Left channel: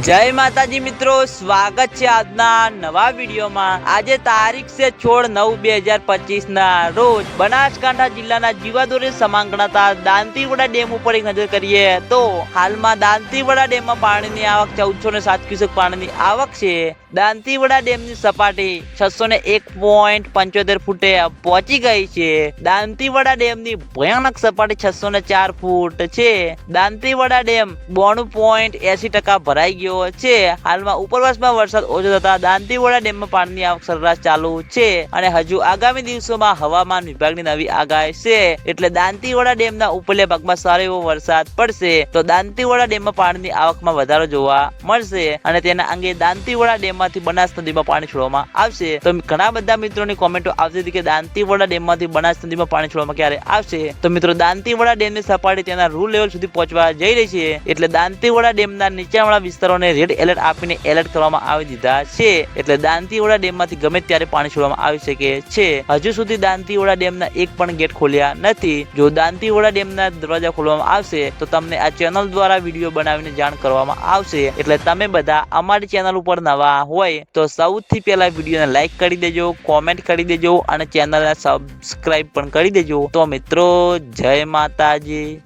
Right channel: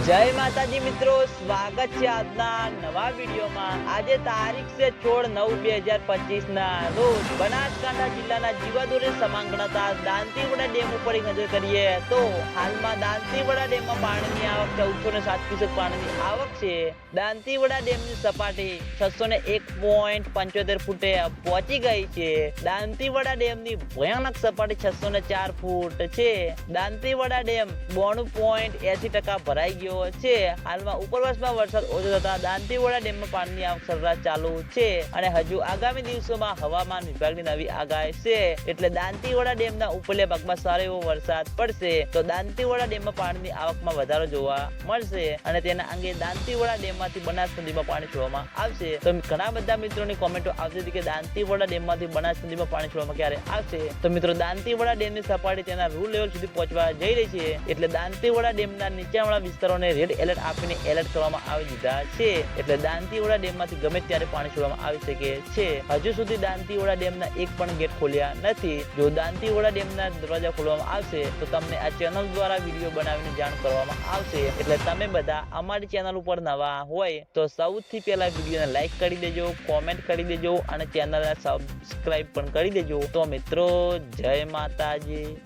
જય માતાજી મિત્રો, સ્વાગત છે આજના નવા વિડીયોમાં. આજે તારીખ છે છોડ નવ બે હજાર પચીસ ના રોજ બનાસકાંઠા જિલ્લાના જીવાદોરી સમાન ગણાતા દાંતીવડા ડેમ ઉપર એક નજર કરીએ તો હાલમાં દાંતીવડા ડેમમાં પાણીની આવક ચૌદસો ને સાત ક્યુસેક પાણીની આવક છે. દાંતીવડા ડેમની સપાટી છસો ને એક પોઈન્ટ પંચોતેર ફૂટે પહોંચી ગઈ છે. દાંતીવડા ડેમની ભયાનક સપાટી છસો ને ચાર ફૂટ છે. દાંતીવડા ડેમ બોણું પોઈન્ટ એસી ટકા ભરાઈ ગયો છે. હાલમાં ઉપરવાસમાં વરસાદ ઓછો થતા દાંતીવડા ડેમમાં પાણીની આવક સરેરાશ ચાલુ છે અને હજુ આગામી દિવસોમાં હવામાન વિભાગની નવી આગાહી છે. એટલે દાંતીવડા ડેમના ઉપરલે ભાગમાં સારો એવો વરસાદ પડશે તો દાંતીવડા ડેમમાં પાણીની આવકમાં વધારો જોવા મળશે અને તેના અંગે દાંતીવડા ડેમમાંથી બનાસ નદીમાં પાણી છોડવામાં આવશે. તો ઘણા બધા મિત્રોની કોમેન્ટો આવતી હતી કે દાંતીવડા ડેમમાંથી બનાસ નદીમાં પાણી છોડવામાં ક્યારે આવશે? તો મિત્રો, દાંતીવડા ડેમની સપાટી તેના રૂ લેવલ સુધી પહોંચવા જઈ રહી છે. એટલે દાંતીવડા ડેમના નીચાણવાળા વિસ્તારોને રેડ એલર્ટ આપીને એલર્ટ કરવામાં આવી દીધા છે. એટલે દાંતીવાડા ડેમમાંથી ગમે ત્યારે પાણી છોડવામાં આવી શકે છે. હજુ સુધી દાંતીવાડા ડેમના એક પણ ગેટ ખોલ્યા નથી. જો દાંતીવાડા ડેમના દરવાજા ખોલવામાં આવશે, તો તમને આ ચેનલ દ્વારા વીડિયો બનાવીને જાણ કરવામાં આવશે. એટલે તમે બધા અમારી ચેનલ ઉપર નવા હોય, તો સૌથી પહેલા વિડીયોને લાઈક કરી દેજો કોમેન્ટ કરી દેજો, અને ચેનલને સબસ્ક્રાઈબ પણ કરી દેજો. તો મિત્રો, જય માતાજી.